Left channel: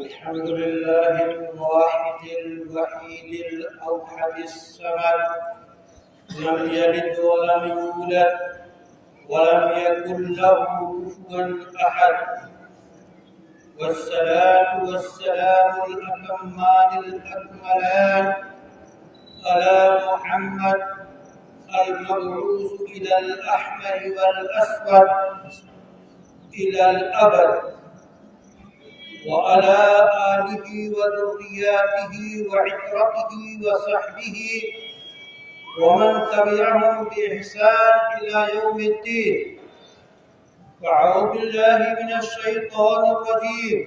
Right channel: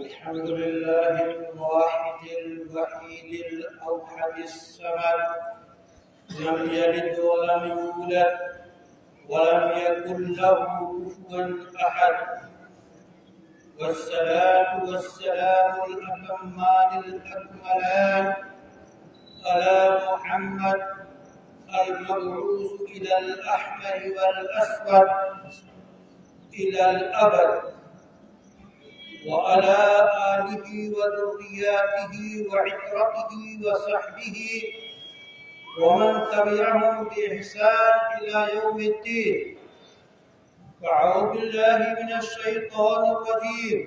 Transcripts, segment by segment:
الحمد لله الواحد الوحيد الأوحد الصمد لم يلد ولم يولد ولم يكن له كفوا أحد، والصلاة والسلام الأتمان الأكملان على محمد المبعوث إلى الأحمر والأسود إلى الأبد، وعلى آله وذرياته وعترته وصحبه ومن تبعهم بإحسان إلى يوم الدين. فأعوذ بالله من الشيطان الرجيم.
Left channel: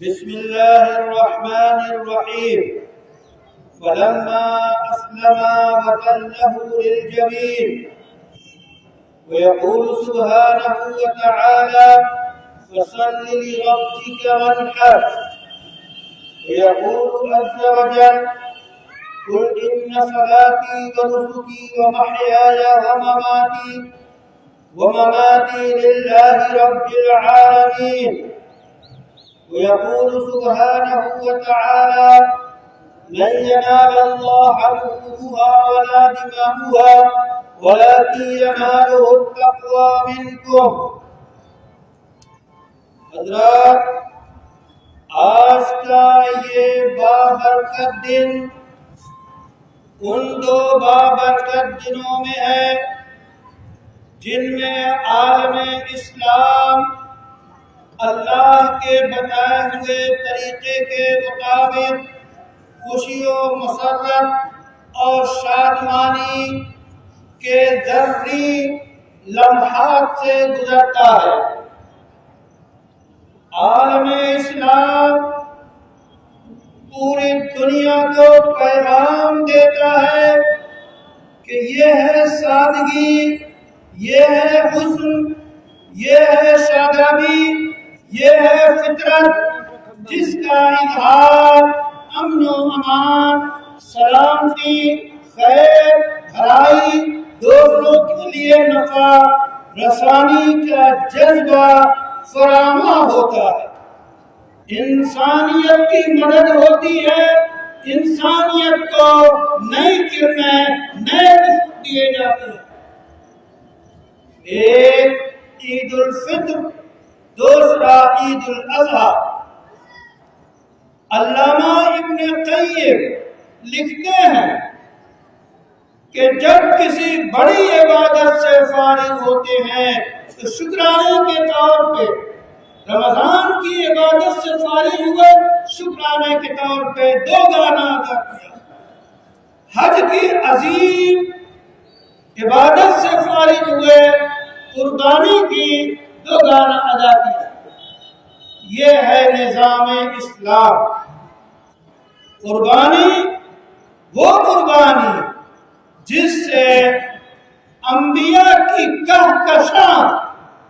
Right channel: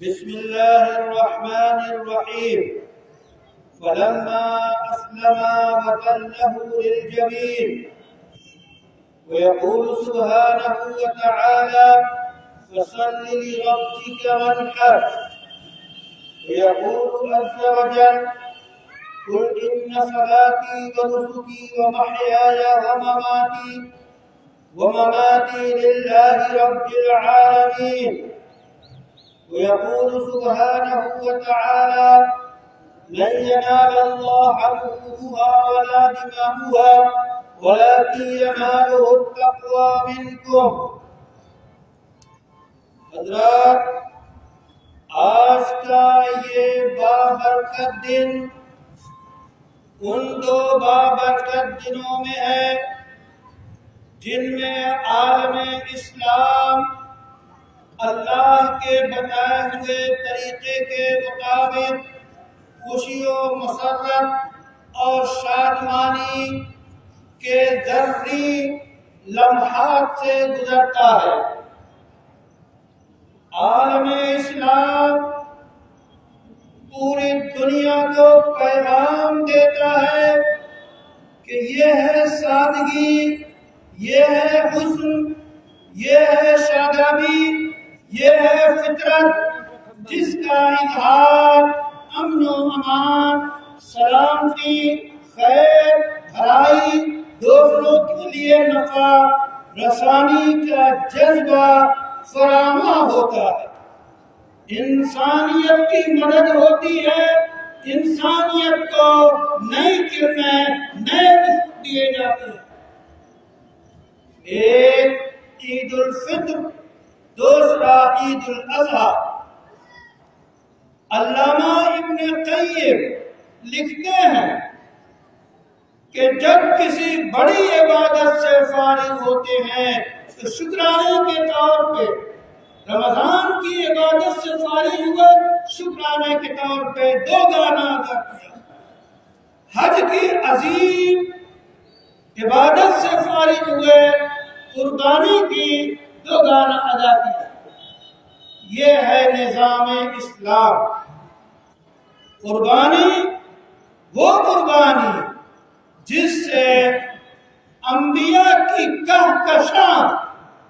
بسم الله الرحمن الرحيم. فلما أسلما وتله للجبين. ويقول سبحانه وتعالى: فصل لربك وانحر. ويقول عز وجل: قل إن صلاتي ونسكي ومحياي ومماتي لله رب العالمين. ويقول سبحانه وتعالى: لن ينال الله لحومها ولا دماؤها ولكن يناله التقوى منكم. حضرات، آج کا یہ بابرکت دن ان دو بابرکت دنوں میں ہے جن میں عالم اسلام اللہ کے بتائے ہوئے طریقے کے مطابق خوشی و مسرت اور شادمانی کے ذری لمحات سے گزرتا ہے۔ عالم اسلام پوری دنیا کو پیغام دیتا ہے کہ یہ ہے سادگی، یہ ہے حسن، یہ ہے شادابی، یہ ہے فطرت جس کا اظہار امن و امان، سلامتی، خیر، بھلائی، دوسروں کے لیے نفع رسانی کا جذبہ فراہم ہوتا ہے۔ انسانیت کی مدد ہوتی ہے، انسانیت کو نئی کرنیں، نئے رزق دیے جاتے ہیں۔ ایک عید الفطر، دوسرا عید الاضحیٰ۔ علامہ ابن قیم لکھتے ہیں کہ جب کسی بڑی عبادت سے فارغ ہوتے ہیں تو شکرانے کے طور پہ رمضان کی عبادت سے فارغ ہوئے، شکرانے کے طور پہ 2 گانا ادا کیا۔ حج کی عظیم عبادت سے فارغ ہوئے، قربانی کی 2 گانا ادا کیا۔ یہ ہے نظام اسلام۔ قربانی، وہ قربانی جس سے انبیاء کی کہکشاں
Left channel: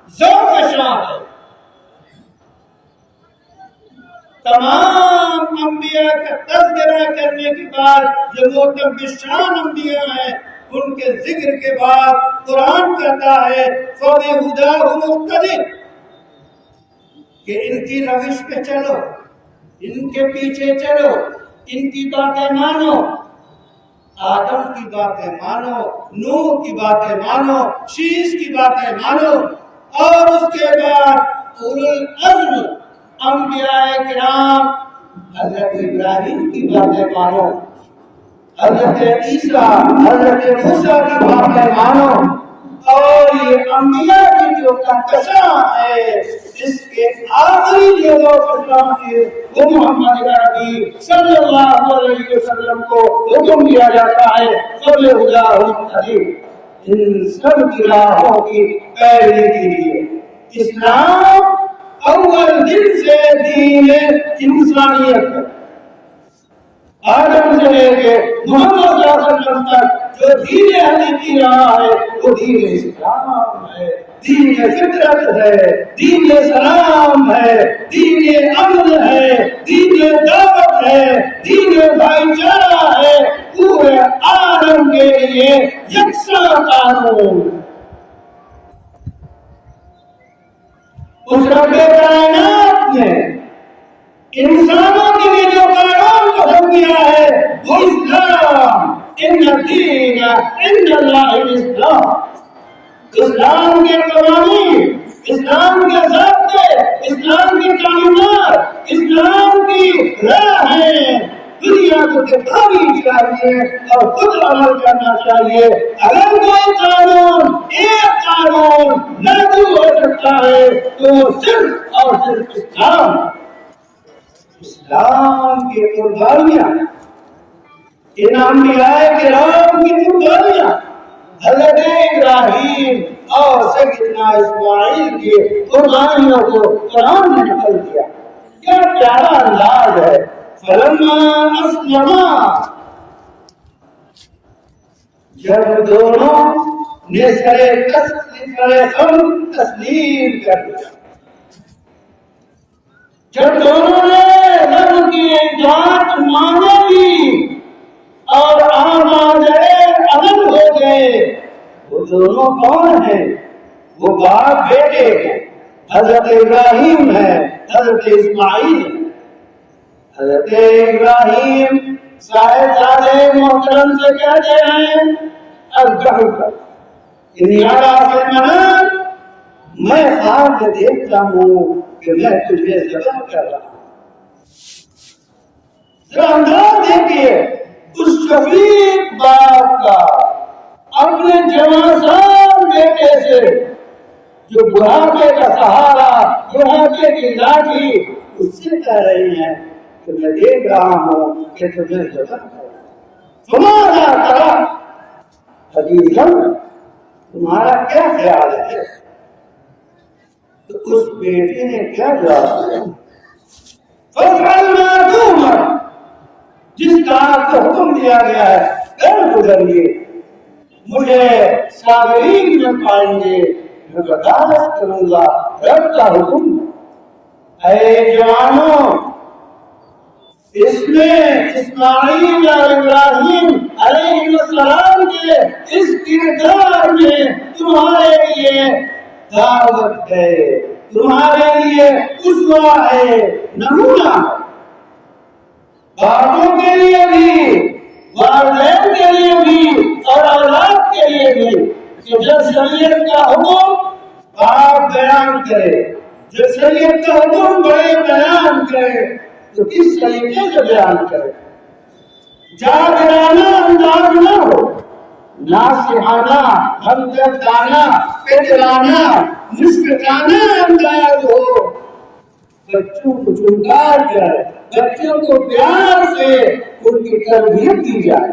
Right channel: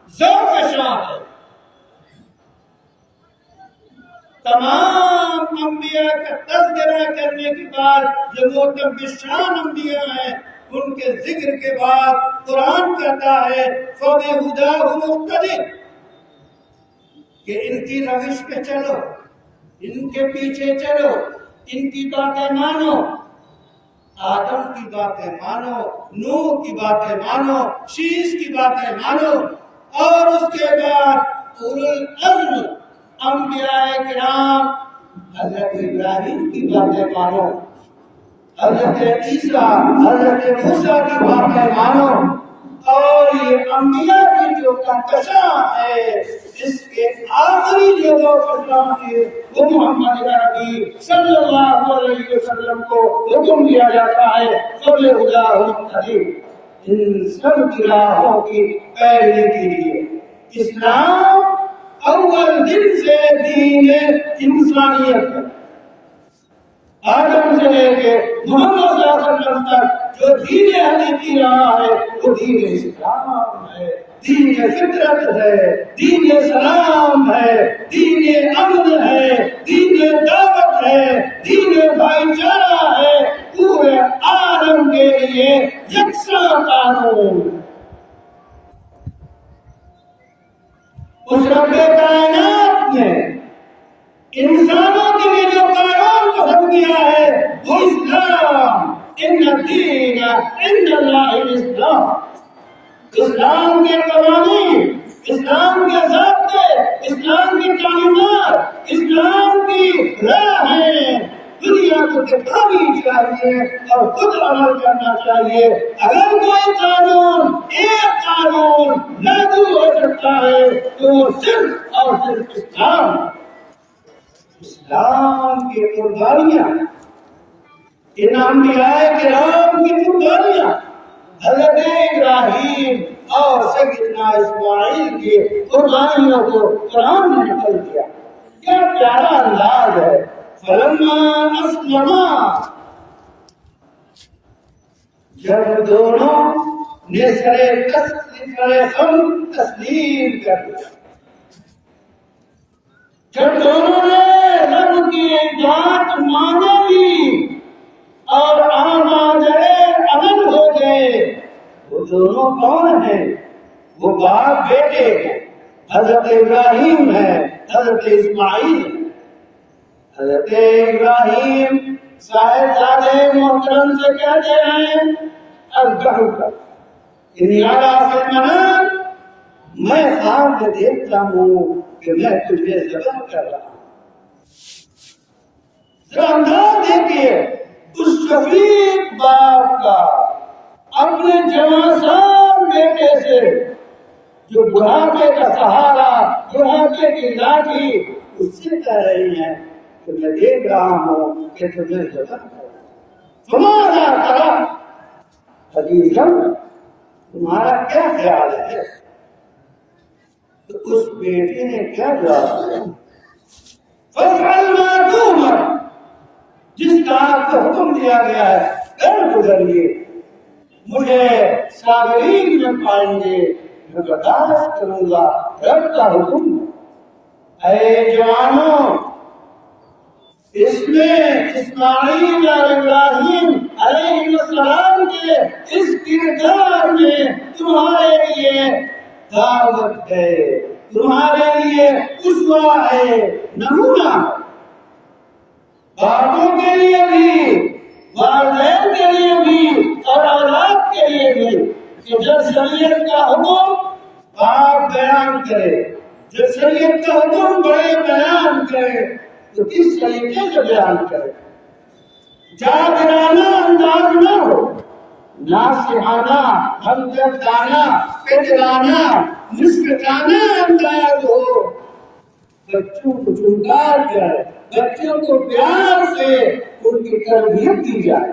ذوق شان ہے۔ تمام انبیاء کا تذکرہ کرنے کے بعد جو معتبر شان انبیاء ہیں ان کے ذکر کے بعد قرآن کہتا ہے فَبِهُدَاهُ مُقْتَدِرْ، کہ ان کی روش پہ چلو، ان کے پیچھے چلو، ان کی باتیں مانو، آدم کی باتیں مانو، نوح کی باتیں مانو، شیش کی باتیں مانو، اور اس کے بعد اولو العزم انبیاء کرام حضرت ابراہیم کی باتیں مانو، حضرت عیسیٰ، حضرت موسیٰ کی باتیں مانو، اور یہ انبیاء کی جو کہکشاں ہے اس کے آخری جو فرمان ہے وہ محمد عربی صلی اللہ علیہ وسلم کو حکم دیا جاتا ہے فَبِهُدَاهُ مُقْتَدِرْ، ان سب کی راہوں کی پیروی کیجیے۔ اسلام اول دن سے دین انسانیت ہے۔ آدم سے لے کے محمد صلی اللہ علیہ وسلم تک جو دین حنیفی رہا ہے وہ دین اسلام ہے، دین فطرت ہے، دین سلام ہے، دین امن ہے، دین دعوت ہے، دین بھائی چارہ ہے، پورے عالم کے لیے یکساں قانون۔ اس رب کائنات نے الدین عند اللہ الاسلام. اسلام کے قوانین، اسلام کے ضابطے، اسلام کی تعلیمات، اسلام کی راہ ہے. دنیا کو دکھانی چاہیے اور خود عمل کرنا چاہیے. اگر کوئی قانون، ایک قانون لاگو ہو سکتا ہے تو وہ صرف اور صرف اسلام کی قربانیاں، ان انبیاء کرام کی قربانیاں، حضرت ابراہیم اور سیدنا اسماعیل کی قربانیوں کو قرآن نے نقل کیا. کیا پیارا انداز ہے. فلما اسلما، جب دونوں نے سرے ہم تسلیم کر دیا، جب دونوں نے رب کی اطاعت مان لی اور آمادے عمل ہو گئے. وہ دونوں کون ہیں؟ وہ باپ بیٹے ہیں. حضرت ابراہیم ہے، حضرت اسماعیل. حضرت ابراہیم صاحب محترم سے کہتے ہیں میں خواب میں دیکھتا ہوں کہ میں تجھے ذبح کر رہا ہوں. انداز دیکھیے اس شفیق باپ کا اپنے جوان بیٹے سے، جو بڑھاپے کا سہارا، بڑھاپے کی لاٹھی، اس سے کہہ رہی ہیں کہ میں دیکھ رہا ہوں کہ تمہیں ذبح تمہارا کرا. حدیثاً تمہارا کیا خیال ہے؟ تو اس بیٹے نے کیا جواب دیا؟ فَافْعَلْ مَا تُؤْمَرُ، جس کام کو حکم دیا گیا ہے کر گزریے. مجھے صابرین میں پائیں گے، میں برداشت کروں گا رب کا حکم. اے جوانوں، اس میں اسماعیل اور ابراہیم علیہ السلام کے اس کردار میں تمہارے لیے دعوت ہے، تمہارے لیے اسوہ ہے، نمونہ. باپوں کے لیے بھی، والدین کے لیے بھی اور اولاد کے لیے بھی کہ جب شریعت کا حکم باپ بیان کرے، جب شریعت کا حکم بڑے بیان کرے تو کس طریقے سے بیان کرے؟ جادرانہ انداز نہ ہو، ناصحانہ، ہمدردانہ، پہلوانا، مشفقانہ انداز ہو. بچوں کو چمکار کر، بچوں کو پیار سے ان کی تربیت دی جائے.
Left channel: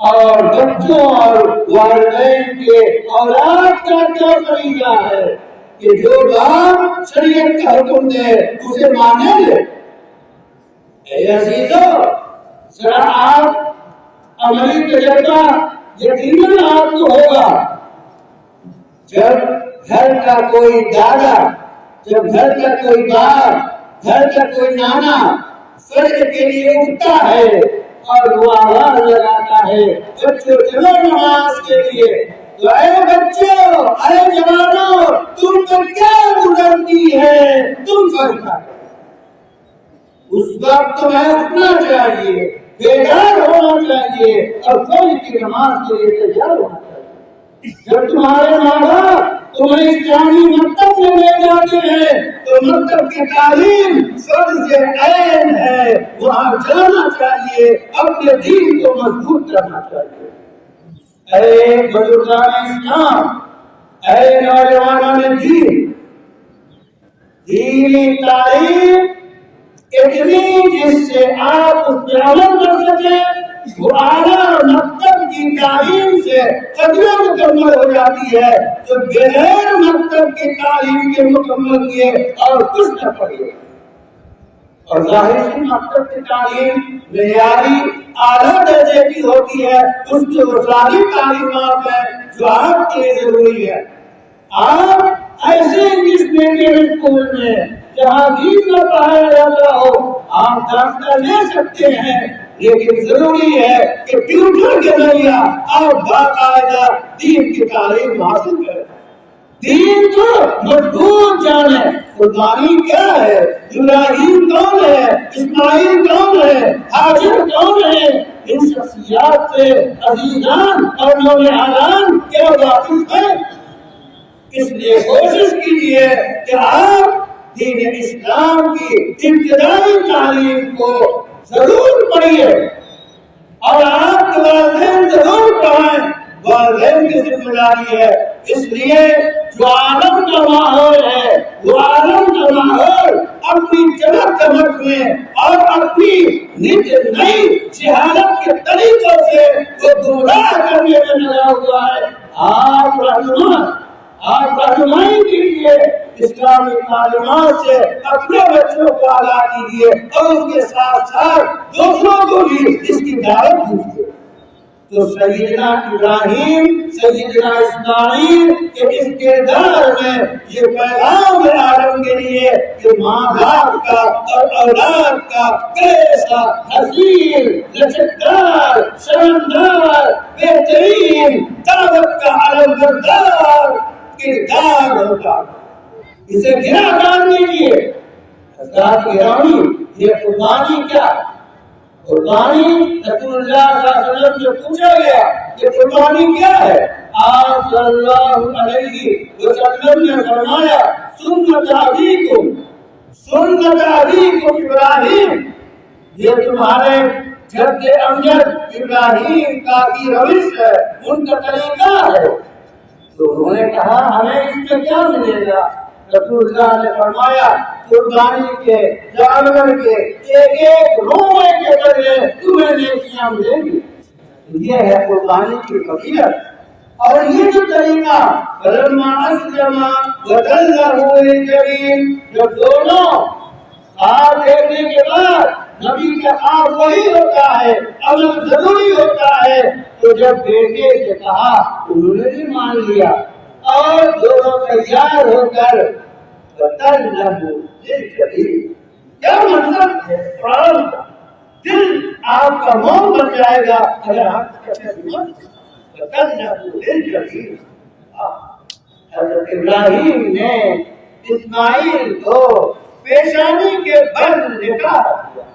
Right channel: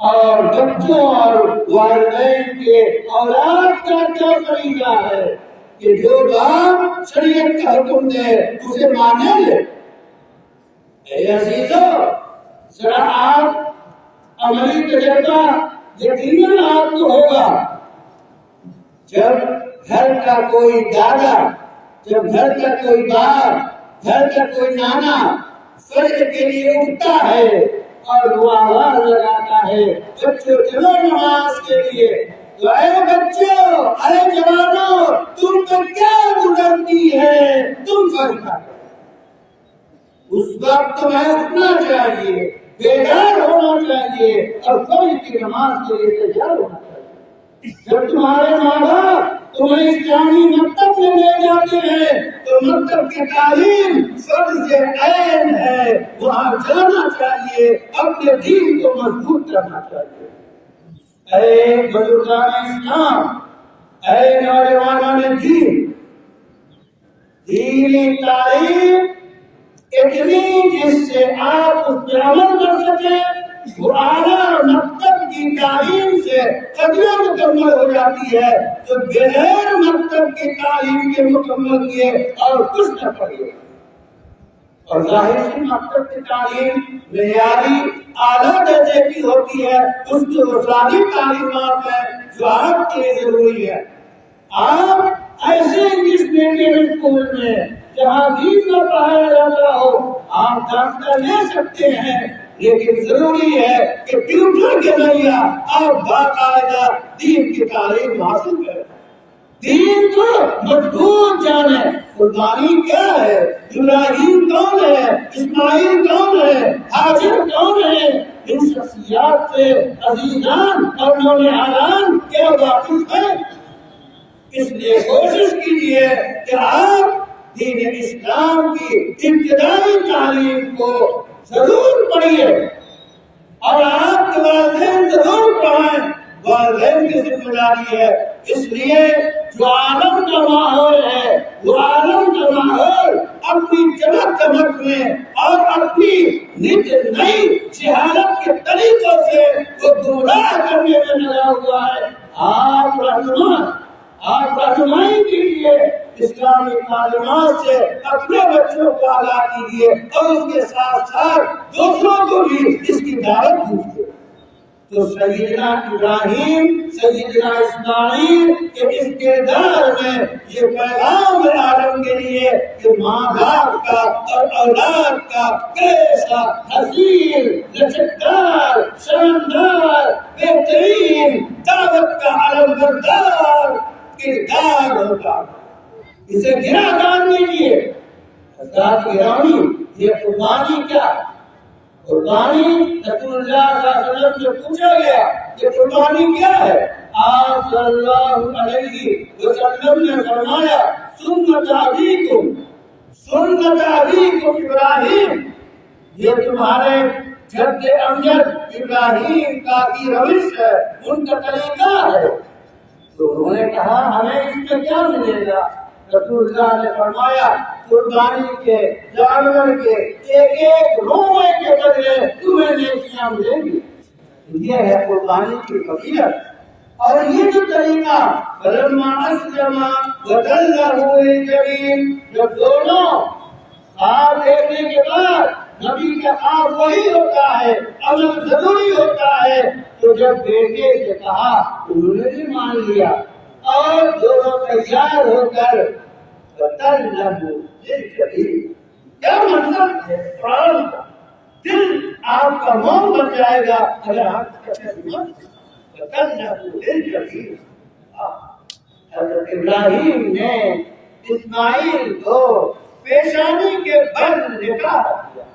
اور بچوں اور والدین کے اولاد کا کیا طریقہ ہے کہ جو باپ شریعت کا حکم دے اسے مانے لے. اے عزیزو، ذرا آپ عملی تجربہ یقیناً آپ کو ہوگا. جب گھر کا کوئی دادا، جب گھر کا کوئی باپ، گھر کا کوئی نانا فجر کے لیے اٹھتا ہے اور وہ آواز لگاتا ہے بچوں چلو نماز کے لیے، تو اے بچوں، اے جوانوں، تم پر کیا گزرتی ہے؟ تم فرقہ اس وقت تمہیں اٹھنا چاہیے، بیدار ہونا چاہیے اور فجر کی نماز کے لیے تیار ہونا چاہیے. جب تمہارے ماں باپ تمہیں اسلامی مکتب میں لے جاتے ہیں تو مکتب کی تعلیم فرض عین ہے، وہاں جانا چاہیے، اپنے دین کو مضبوط کرنا چاہیے. اے بزرگان اسلام، اے نوجوانان دین، دینی تعلیم اتنی جس سے آپ اس پر عمل کر سکیں، وہ اعلیٰ مکتب کی تعلیم سے قدریں مکمل ہو جاتی ہے جو بغیر مکتب کی تعلیم کے مکمل کیے اور کچھ نہ پڑھے. اور ظاہر سی مکتب کی تعلیم معیاری اعلیٰ درجے کی ہوتی ہے، اس کی وہ ساری تعلیمات ہیں جو آپ کے لیے ضروری ہے. آپ ایسے انگلش میڈیم اسکول میں جہاں دین نہ پڑھایا جاتا ہو آپ داخلہ لے سکتے ہیں، لیکن ضروری ہے کہ ٹیوٹر کے ذریعہ آپ باقاعدہ دین کی تعلیم حاصل کریں، دین کو مضبوط جانیں. قربانی کیا ہے؟ ابراہیم کون ہے؟ اسماعیل کون ہے، حاجر کون ہے، ان شخصیات سے عزیزان اور نوجوان کیا واقف ہے؟ اس لیے کوشش کیجیے کہ آپ دین اسلام کی ابتدائی تعلیم کو ضرور پڑھیے اور آپ کے والدین ضرور پڑھائیں، والدین کی ذمہ داری ہے۔ اس لیے جو عالم کا ماحول ہے وہ عالم کا ماحول اپنی چمک دمک میں اور اپنی نئی جہالت کے طریقوں سے وہ گمراہ کرنے میں لگا ہوا ہے۔ آپ رہنمائی کیجیے، اسلامی تعلیمات سے اپنے بچوں کو آگاہ کیجیے اور اس کے ساتھ ساتھ دوسروں کو بھی اس کی دعوت دیجیے۔ تو سیدنا ابراہیم، سیدنا اسماعیل کے اس کردار میں یہ پیغام ہے عالم کے لیے کہ ماں باپ کا اور اولاد کا کیسا حسین، لچکدار، شاندار، بہترین دعوت کا علم بردار کردار ہوتا۔ اسے گرا کر دیجیے۔ حضرات گرامی، یہ قربانی کیا ہے؟ قربانی رسول اللہ صلی اللہ علیہ وسلم سے پوچھا گیا کہ قربانی کیا ہے؟ آپ صلی اللہ علیہ وسلم نے فرمایا سنت ابیکم ابراہیم، یہ تمہارے جد امجد ابراہیم کی روش ہے، ان کا طریقہ ہے۔ تو انہوں نے کہا ہمیں اس میں کیا ملے گا؟ رسول اللہ نے فرمایا قربانی کے جانور کے ایک ایک روئے کے ذریعے تمہیں نیکیاں ملیں گی۔ یہ ہے قربانی کی فضیلت۔ اور یہ جو طریقہ فلما اسلم وتلہ للجبین، جب دونوں ساتھ دیکھنے کے بعد نبی کا خواب وہی ہوتا ہے، عمل ضروری ہوتا ہے، تو جب بیٹے سے کہا انہوں نے بھی مان لیا اور دونوں تیار ہو کر وتلہ للجبین۔ کیا مطلب ہے قرآن کا؟ دل آپ کا موم بن جائے گا اگر آپ وتلہ للجبین۔ حضرت ابراہیم نے اسماعیل کو پیشانی کے بل نکاح دیا،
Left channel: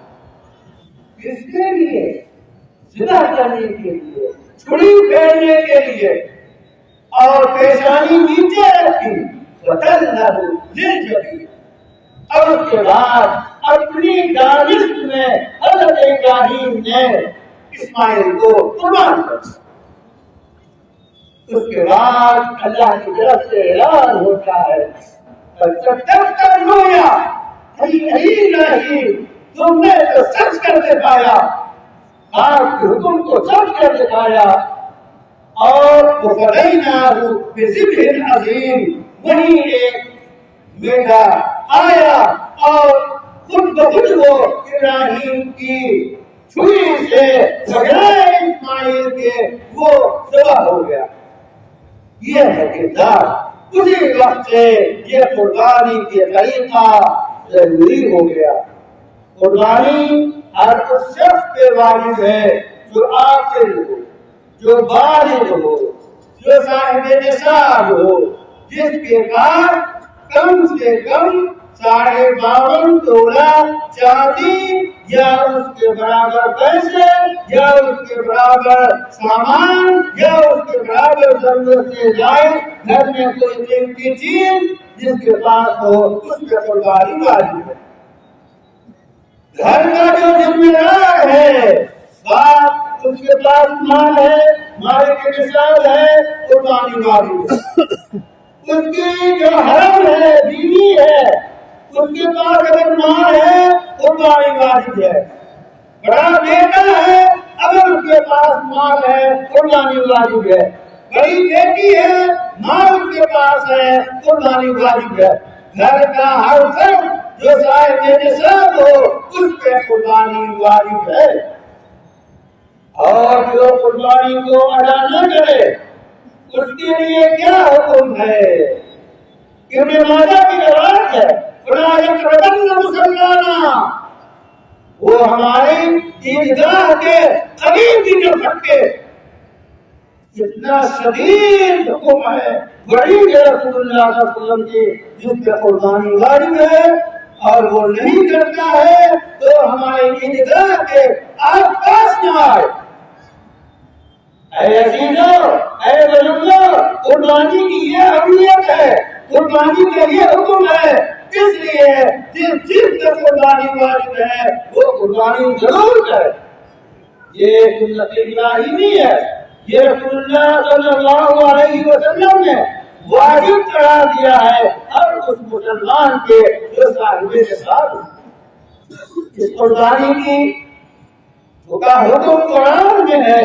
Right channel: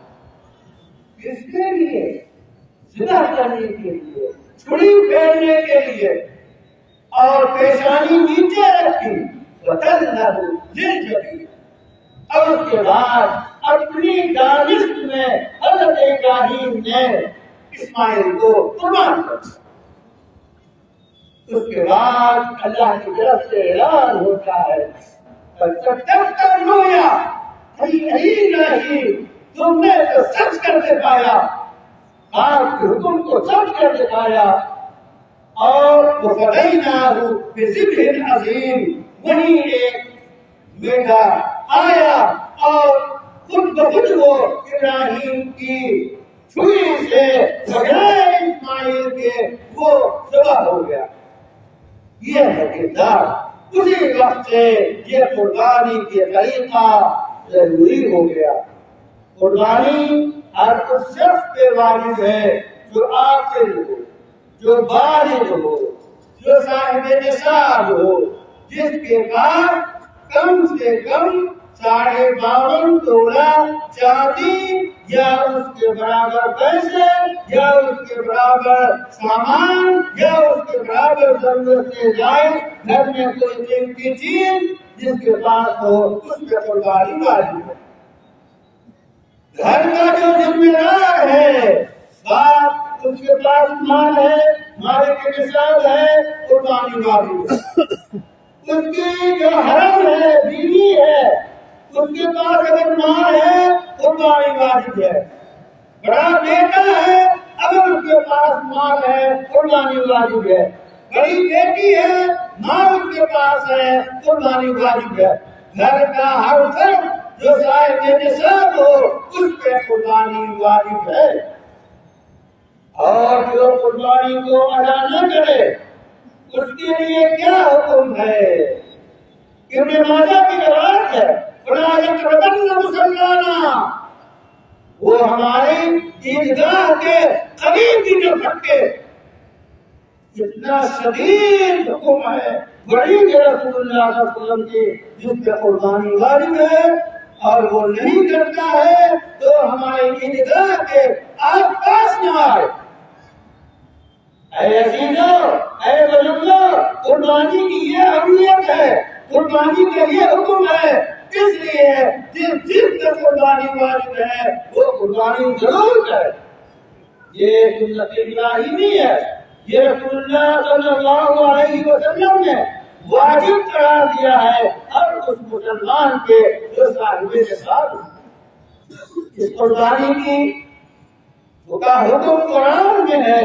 کس کے لیے؟ ذبح کرنے کے لیے، چھری پھیرنے کے لیے، اور پیشانی نیچے رکھی وتلہ للجبین۔ اور اس کے بعد اپنی دانش میں حضرت ابراہیم نے اسماعیل کو قربان کر دیا۔ اس کے بعد اللہ کی طرف سے اعلان ہوتا ہے تم نے تو سچ کر دکھایا، آپ کے حکم کو سچ کر دکھایا، اور بذبح عظیم، وہیں ایک میڈا آیا اور خود بخود وہ ابراہیم کی چھری سے بغیر اسماعیل کے وہ ذبح ہو گیا۔ یہ ہے کردار۔ اسی وقت سے یہ قربانی کے طریقہ ضروری ہو گیا۔ قربانی ہر اس شخص پہ واجب ہے جو عاقل ہو، جو بالغ ہو، جو صاحب نصاب ہو، جس کے پاس کم سے کم 52 تولہ چاندی یا اس کے برابر پیسے یا اس کے برابر سامان یا اس کے برابر ضرورت سے جائے گھر میں کوئی قیمتی چیز جس کے پاس ہو، اس پہ قربانی واجب ہے۔ گھر کا جو ذمہ دار ہے، باپ اس کے پاس مال ہے، مال کے نصاب ہے، قربانی واجب ہے۔ اس کی جو حرم ہے، بیوی ہے، اس کے پاس اگر مال ہے قربانی واجب ہے۔ بڑا بیٹا ہے، اگر اس کے پاس مال ہے قربانی واجب ہے۔ بڑی بیٹی ہے، مال اس کے پاس ہے، قربانی واجب ہے۔ گھر کا ہر فرد جو صاحب نصاب ہو اس پہ قربانی واجب ہے۔ اور جو قربانی کو ادا نہ کرے اس کے لیے کیا حکم ہے؟ ابن ماجہ کی روایت ہے وہ ہمارے عیدگاہ کے قریب بھی نہ پھٹکے۔ اتنا شدید حکم ہے بڑی رسول اللہ صلی اللہ علیہ وسلم کی، جس پہ قربانی واجب ہے اور وہ نہیں کرتا ہے تو ہمارے عیدگاہ کے آس پاس نہ آئے۔ اے عزیزوں، اے بزرگوں، قربانی کی یہ اہمیت ہے، قربانی کا یہ حکم ہے، اس لیے جس پر قربانی واجب ہے وہ قربانی ضرور کرے۔ یہ سنت ابراہیمی ہے، یہ رسول اللہ صلی اللہ علیہ وسلم نے واجب قرار دیا ہے ہر اس مسلمان کے جو صاحب نصاب۔ اس قربانی کی کا حکم قرآن میں ہے،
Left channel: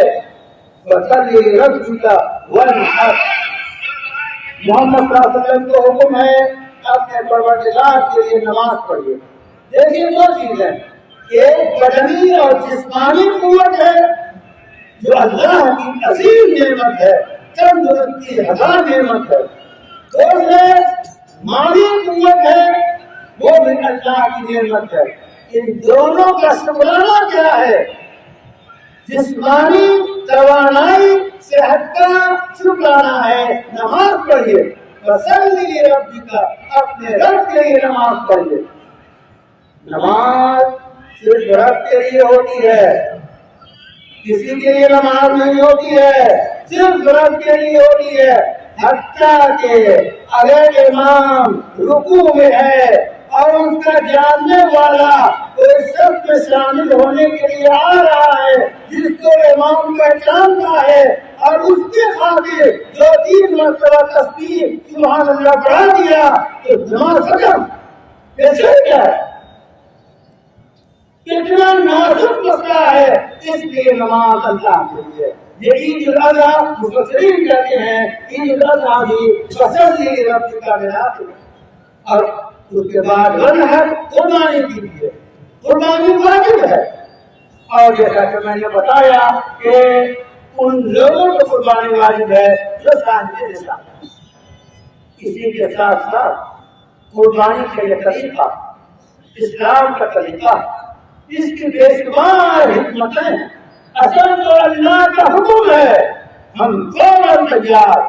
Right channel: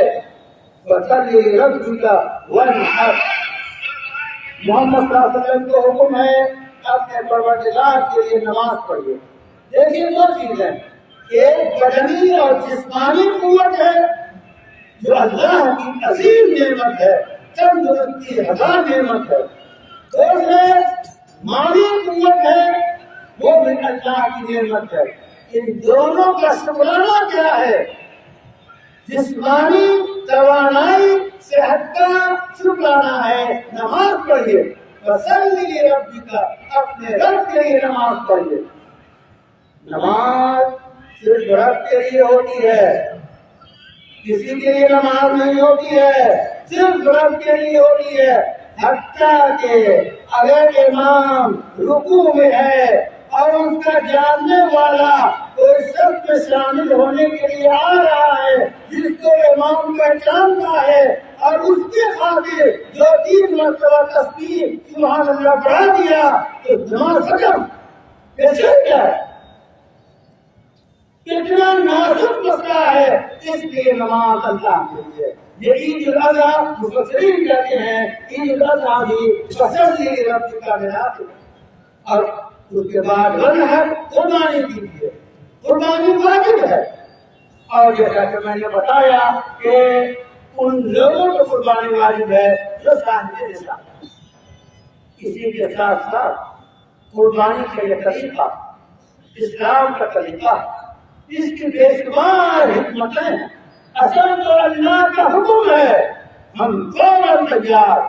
فصلی لربک وانحر۔ محمد صلی اللہ علیہ وسلم کو حکم ہے اپنے پروردگار کے لیے نماز پڑھیے۔ دیکھیے دو چیزیں، ایک بدنی اور جسمانی قوت ہے جو اللہ کی عظیم نعمت ہے، تندرستی ہزار نعمت ہے۔ دوسرے مالی قوت ہے، وہ بھی اللہ کی نعمت ہے۔ ان دونوں کا شکرانہ کیا ہے؟ جسمانی توانائی صحت کا شکرانہ ہے، نماز پڑھیے۔ فصلی لربک، اپنے رب کے لیے نماز پڑھیے۔ نماز صرف رب کے لیے ہوتی ہے، کسی کے لیے نماز نہیں ہوتی ہے، صرف رب کے لیے ہوتی ہے۔ حتیٰ کہ اگر امام رکوع میں ہے اور اس کا جاننے والا کوئی سب میں شامل ہونے کے لیے آ رہا ہے جس کو امام پہچانتا ہے اور اس کے خاطر جو 3 مرتبہ تسبیح سبحان اللہ بڑھا دیا تو نماز ختم۔ ایسے کیا ہے؟ اتنا نازک مسئلہ ہے، اس لیے نماز اللہ کے لیے۔ یہ عید الاضحیٰ مفسرین کہتے ہیں عید الاضحیٰ بھی فصلی لربک کا بنیاد ہے، اور اس کے بعد وانحر قربانی کی ہے، قربانی واجب ہے۔ اور جیسا کہ میں نے بتایا کہ ان لوگوں کو قربانی واجب ہے جو صاحب نصاب۔ اسی کے ساتھ ساتھ قربانی کا یہ طریقہ اسلام کا طریقہ، اس کی بے شمار حکمتیں ہیں۔ اصل تو اللہ کا حکم ہے، ہم فوراً تیار۔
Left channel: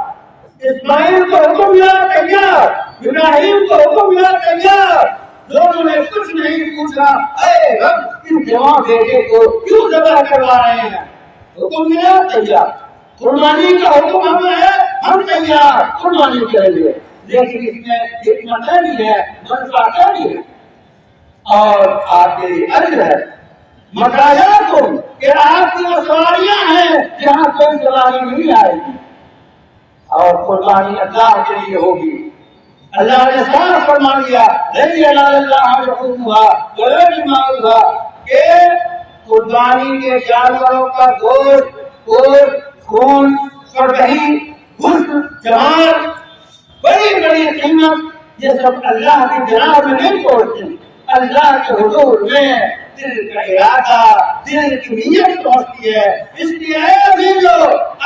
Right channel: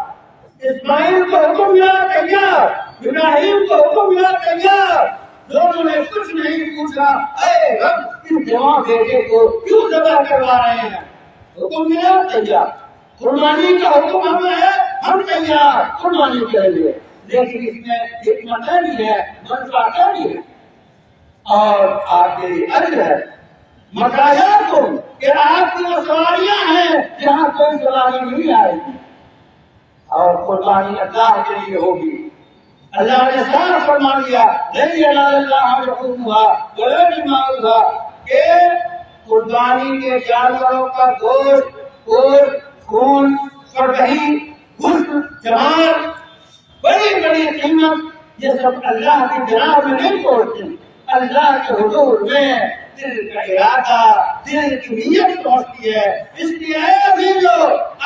اسماعیل کو حکم یا تیار، ابراہیم کو حکم یا تیار، دونوں نے کچھ نہیں پوچھا، اے رب اس جوان بیٹے کو کیوں ذبح کروا رہے ہیں؟ حکم یا تیار۔ قربانی کا حکم ہمیں ہے، ہم تیار قربانی کریں گے، لیکن اس میں حکمتیں بھی ہے، منفعتیں بھی ہے۔ اور آپ کے لیے اجر ہے، مقاصد کہ آپ کی وہ سواریاں ہیں جہاں کوئی سواری نہیں آئے گی، اور قربانی اللہ کے لیے ہوگی۔ اللہ نے صاف فرما دیا کہ قربانی کے جانوروں کا گوشت، خون، سرگہی، گوشت، جوان، بڑی بڑی قیمت، یہ سب اللہ کی جناب میں نہیں پہنچتے، اللہ کے حضور میں دل کا ارادہ، دل کی نیت پہنچتی ہے۔ اس لیے اے عزیزو،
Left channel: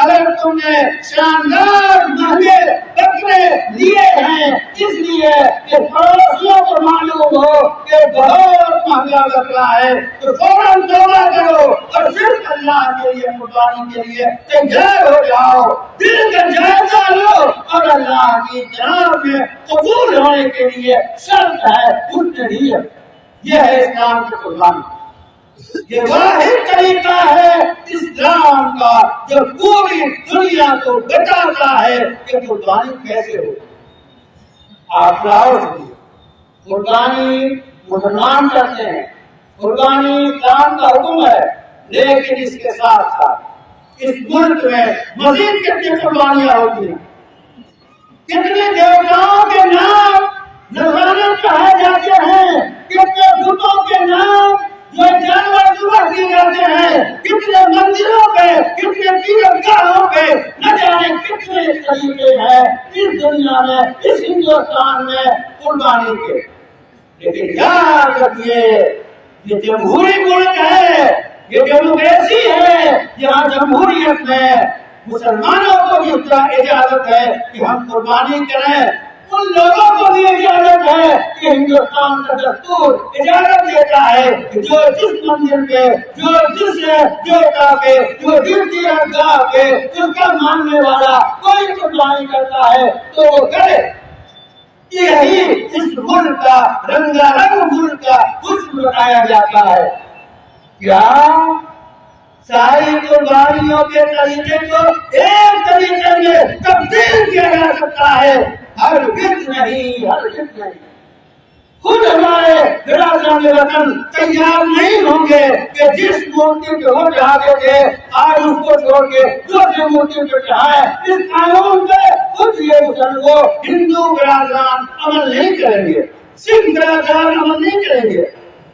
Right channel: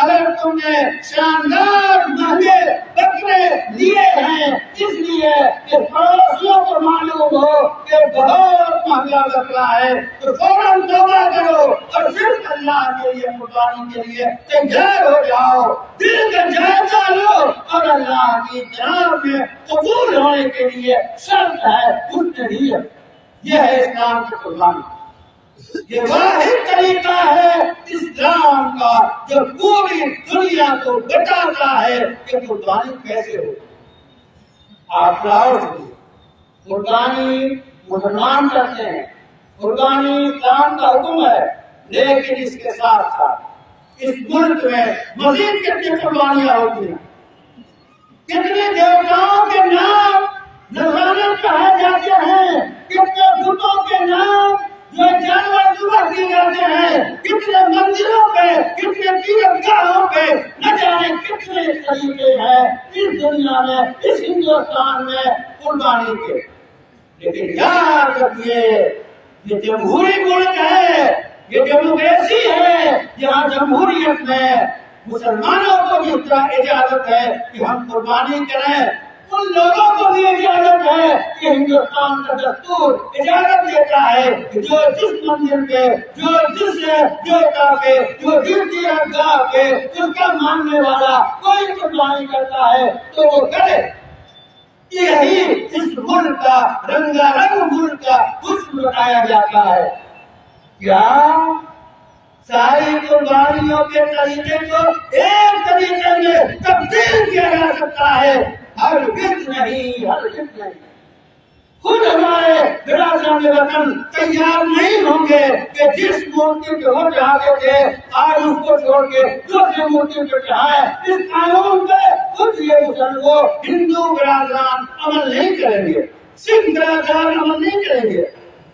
اگر تم نے شاندار مہنگے بکرے لیے ہیں اس لیے کہ پڑوسیوں کو معلوم ہو کہ بہت مہنگا بکرا ہے، تو فوراً توبہ کرو اور صرف اللہ کے لیے قربانی کے لیے تیار ہو جاؤ، دل کا جائزہ لو، اور اللہ کی جناب میں قبول ہونے کے لیے شرط ہے اس کے لیے۔ یہ ہے اسلام کی قربانی، یہ واحد طریقہ ہے اسلام کا جو پوری دنیا کو بتاتا ہے کہ قربانی کیسے ہو۔ آپ قربانی مسلمان کرتے ہیں، قربانی اسلام کا حکم ہے، لیکن اس کے ساتھ ساتھ اس ملک میں مزید کتنی قربانیاں ہوتی ہیں، کتنے دیوتاؤں کے نام نذرانے کہے جاتے ہیں، کتنے بتوں کے نام جو جانور ذبح کیے جاتے ہیں، کتنے مندروں پہ، کتنے پیرگاہوں پہ، نہ جانے کتنے طریقے ہیں اس دنیا میں، اس ہندوستان میں قربانی کے۔ لیکن یاد رکھیے یہ جمہوری ملک ہے، یہ ڈیموکریسی ہے، یہاں جمہوریت میں مسلمانوں کو بھی اجازت ہے کہ ہم قربانی کریں، ان لوگوں کو بھی اجازت ہے کہ ہندوستان کا دستور اجازت دیتا ہے کہ جو جس مندر پہ، جو جس دیوتا پہ، جو جس درگاہ پہ اس کا ماننے والا کوئی قربانی کرتا ہے تو وہ کرے۔ یہی اس ملک کا رنگا رنگ ملک کا حسن بتایا جاتا ہے. کیا ساری قربانیوں کے طریقے کو ایک طریقے میں تبدیل کیا جا سکتا ہے؟ ہرگز نہیں، ہرگز نہیں. خود ہمارے برادران وطن تیار نہیں ہوں گے کہ جس مورتی کو وہ چاہتے تھے آج اس کو چھوڑ کے دوسری مورتی کو چاہے. اس قانون پہ خود یہ مسلمان ہندو برادران عمل نہیں کریں گے، سکھ برادران عمل نہیں کریں گے.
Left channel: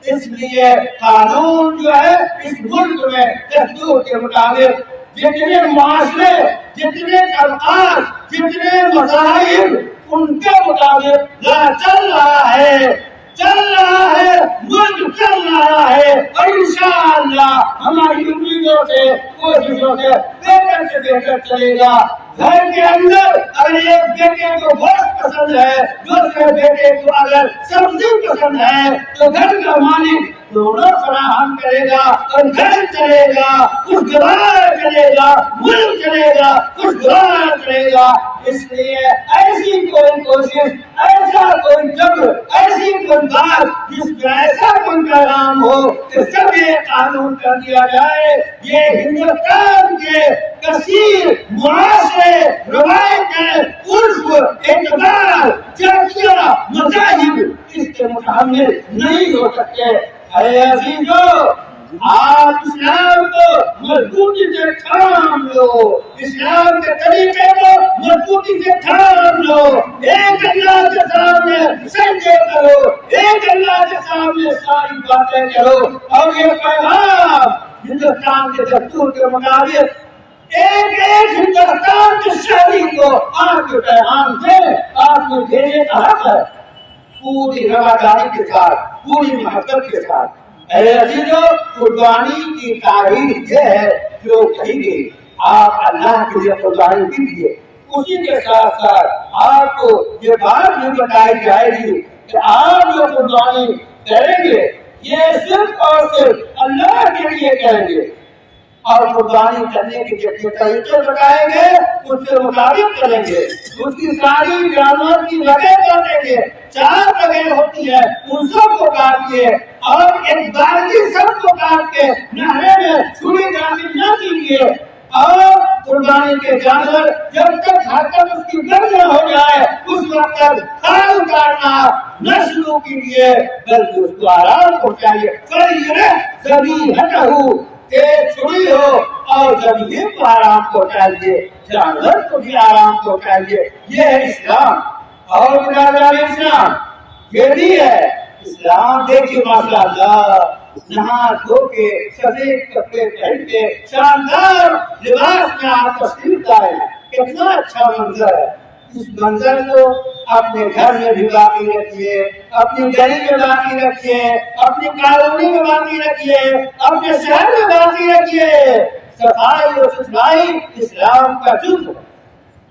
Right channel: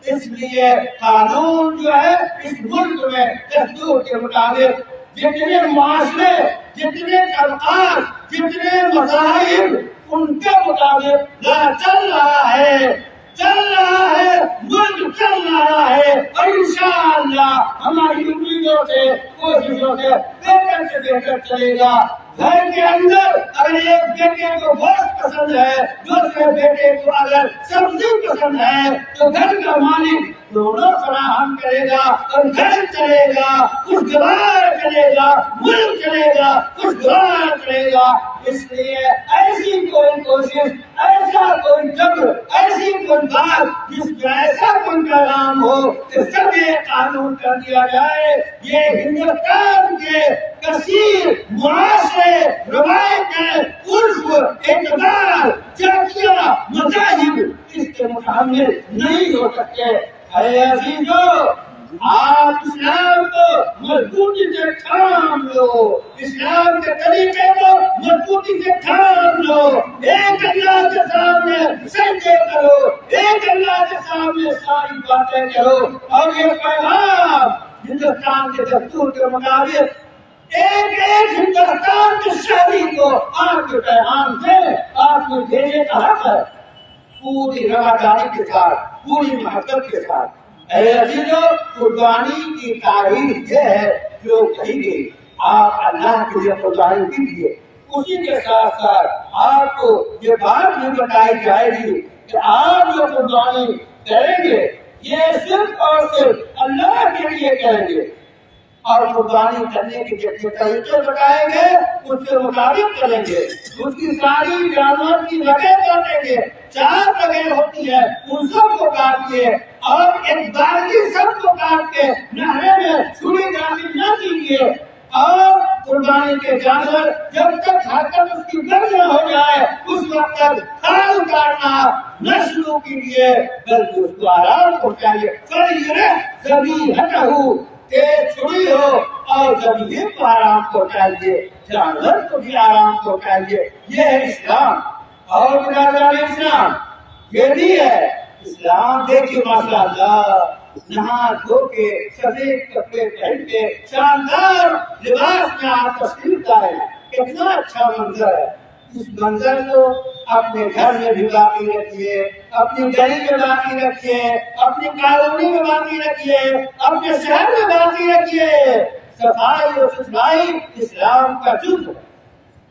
اس لیے قانون جو ہے اس ملک میں دستور کے مطابق جتنے معاشرے، جتنے طبقات، جتنے مذاہب ان کے مطابق چل رہا ہے، چل رہا ہے، ملک چل رہا ہے. اور انشاءاللہ ہماری امیدوں سے، کوششوں سے بہتر چلے گا. گھر کے اندر اگر ایک بیٹے کو گوشت پسند ہے، دوسرے بیٹے کو اگر سبزی پسند ہے، تو گھر کا مالک دونوں فراہم کرے گا اور گھر چلے گا، خوشگوار چلے گا، ملک چلے گا، خوشگوار چلے گا. اس لیے ایسی کوئی کوشش، ایسا کوئی جبر، ایسی کوئی بات جس میں ایسا کوئی پیغام ہو کہ سب یہ قانون کر دیا جائے، یہ ہندوستان کے کثیر معاشرے، روایتیں، عرف، اعتبار، چرچیاں، مذاہب اس کے متحمل نہیں ہو سکتے. اے عزیزو، آپ اسلام کو مضبوطی سے تھام لو، اسلام کے طریقے کو مضبوطی سے تھام لو. ایک اللہ کے سامنے سجدے کرو، ایک اللہ کے سامنے ساری باتیں کرو. اور یہ پیغام ہندوستان کے دستور کے مطابق ایک ایک ہندوستان کے شہری کو آپ کے پیغام سے آپ نے بھیجنے کا حق ہے، پوری رواداری کے ساتھ، پوری محبت کے ساتھ. اے عزیزو، قربانی کی تاریخ یہ ہے جو کہی گئی. آپ اللہ کے لیے قربانی دیجیے. اسی کے ساتھ ساتھ آپ کو یہ بات بھی بتائی جائے گی کہ آپ جو قربانی کریں گے یہ صرف اور صرف اللہ کے لیے کریں گے. اور قربانی کرنے کے جتنے طریقے بتائیں گے اس کے مطابق کریں گے. اس کی ساری جانور کی جگہ کر دیں گے. 4 جگہ ہوتی ہے، ان سب کو کاٹیے اور ایک بارگی سب کو کاٹ کے نہرے میں چھری داخل نہ کیجیے. اور قربانی کے جانور جب تک حرکت اس کی بند نہ ہو جائے اس وقت تک کھال اتارنا نہ شروع کیجیے، بلکہ اس کو آرام پہنچائیے. چھری ہو اور زمین کو آرام پہنچائیے، جانور کو بھی آرام پہنچائیے. یہ ہے اسلام. اور برادران اسلام یہ بھی ہے اسلام. دیکھیے ماشاء اللہ، نہا دھو کے سفید کپڑے پہن کے شاندار لباس میں آپ تشریف لائے ہیں. کتنا اچھا منظر ہے. اس منظر کو اپنے گھر میں بھی باقی رکھیے، اپنی گلی میں باقی رکھیے، اپنی کالونی میں باقی رکھیے، اپنے شہر میں باقی رکھیے. صفائی و ستھرائی اسلام کا جزو.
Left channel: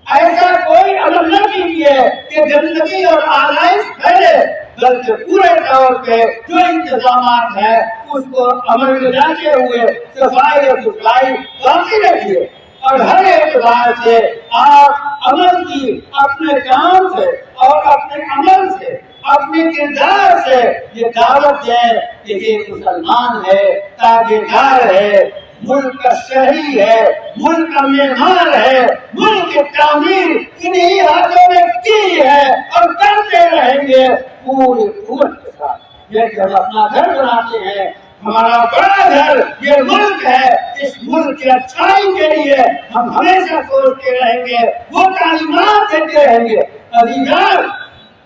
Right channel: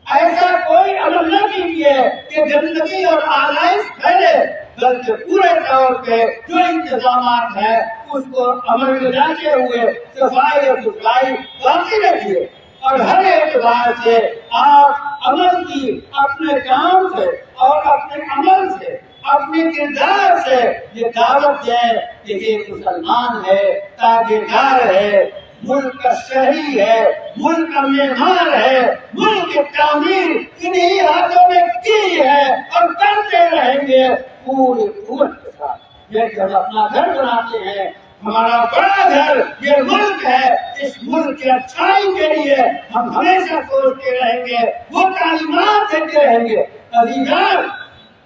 ایسا کوئی عمل نہ کیجیے کہ گندگی اور آلائش پھیلے، بلکہ پورے طور پہ جو انتظامات ہیں اس کو عمل میں لاتے ہوئے صفائی اور ستھرائی باقی رکھیے. اور ہر اعتبار سے آپ عمل کی اپنے کام سے اور اپنے عمل سے، اپنے کردار سے یہ دعوت ہے کہ یہ مسلمان ہے، تابعدار ہے، ملک کا شہری ہے، ملک کا معمار ہے. ملک کی تعمیر انہی ہاتھوں میں کی ہے اور کرتے رہیں گے پوری قوت کے ساتھ. یہ ہم اپنا گھر بناتے ہیں، ہمارا بڑا گھر یہ ملک ہے. اس ملک کی اچھائی کے لیے ہم ہمیشہ سوچتے رہیں گے، وہ تعلیمات دیتے رہیں گے. عزیزان،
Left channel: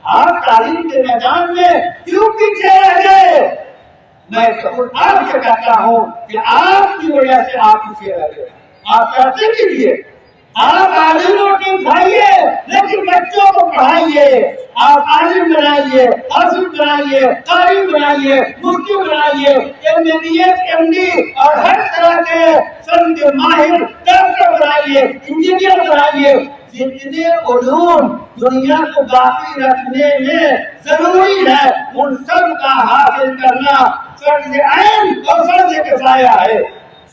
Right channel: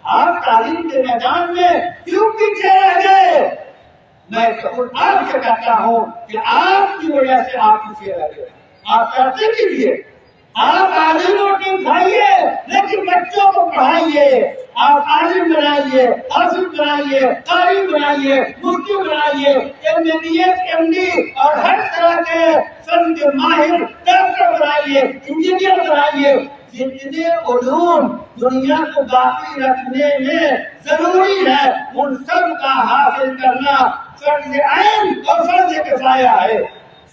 آپ تعلیم کے میدان میں کیوں پیچھے رہ گئے؟ میں آپ سے کہتا ہوں کہ آپ کی وجہ سے آپ پیچھے رہ گئے. آپ کرتے کیجیے، آپ عالم روٹی کھائیے لیکن بچوں کو پڑھائیے. آپ عالم بنائیے، حافظ بنائیے، قاری بنائیے، مفتی بنائیے، MBBS MD اور ہر طرح کے فن کے ماہر ڈاکٹر بنائیے، انجینئر بنائیے. جتنے علوم دنیا کو باقی رکھنے میں ضروری ہے ان سب کا حاصل کرنا فرض عین اور فرض کفایہ ہے.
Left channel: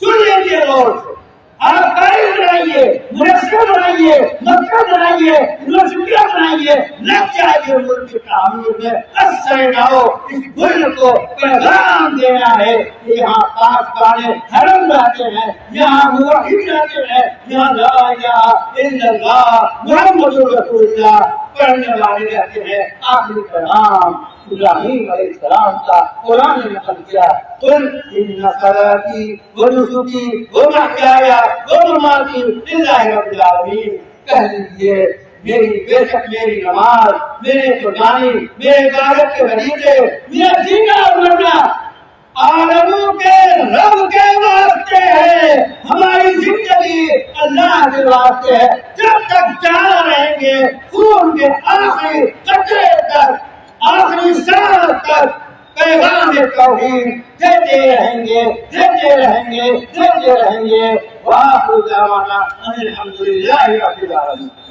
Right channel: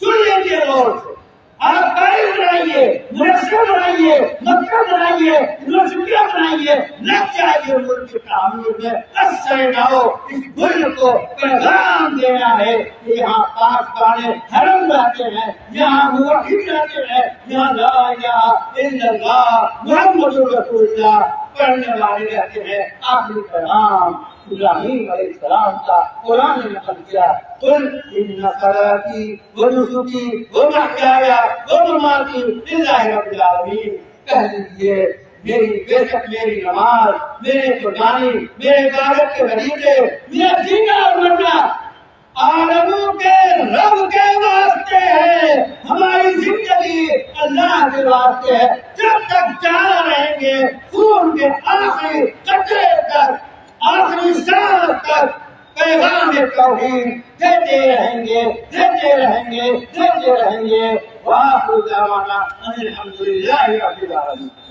سن لیجیے غور سے، آپ قائد بنائیے، منصف بنائیے، مکہ بنائیے، یونیورسٹیاں بنائیے، لگ جائیے ملک کی تعمیر میں، نہ اس ملک کو پیغام دینا ہے کہ یہاں پاک گانے حرم لاتے ہیں، یہاں موحد لاتے ہیں، یہاں لا الہ الا اللہ محمد رسول اللہ پڑھنے والے رہتے ہیں۔ آخری کلام ابراہیم علیہ السلام کا قرآن نے نقل کیا، قل ان صلاتی و نسکی و محیای و مماتی للہ رب العالمین، کہہ دیجیے میری بے شک میری نماز، میرے قربانی، میرے عبادت کے غریبے، میرا جینا اور مرنا عالموں کے رب کے واسطے ہے، ہماری زندگی اللہ کے واسطے ہے۔ جب تک جانا رہیں گے خون کے آخری قطرے تک، آخری سانس تک پیغام توحید دیتے رہیں گے، دیتے رہیں گے، دیتے رہیں گے۔ وآخر دعوانا ان الحمد للہ رب العالمین۔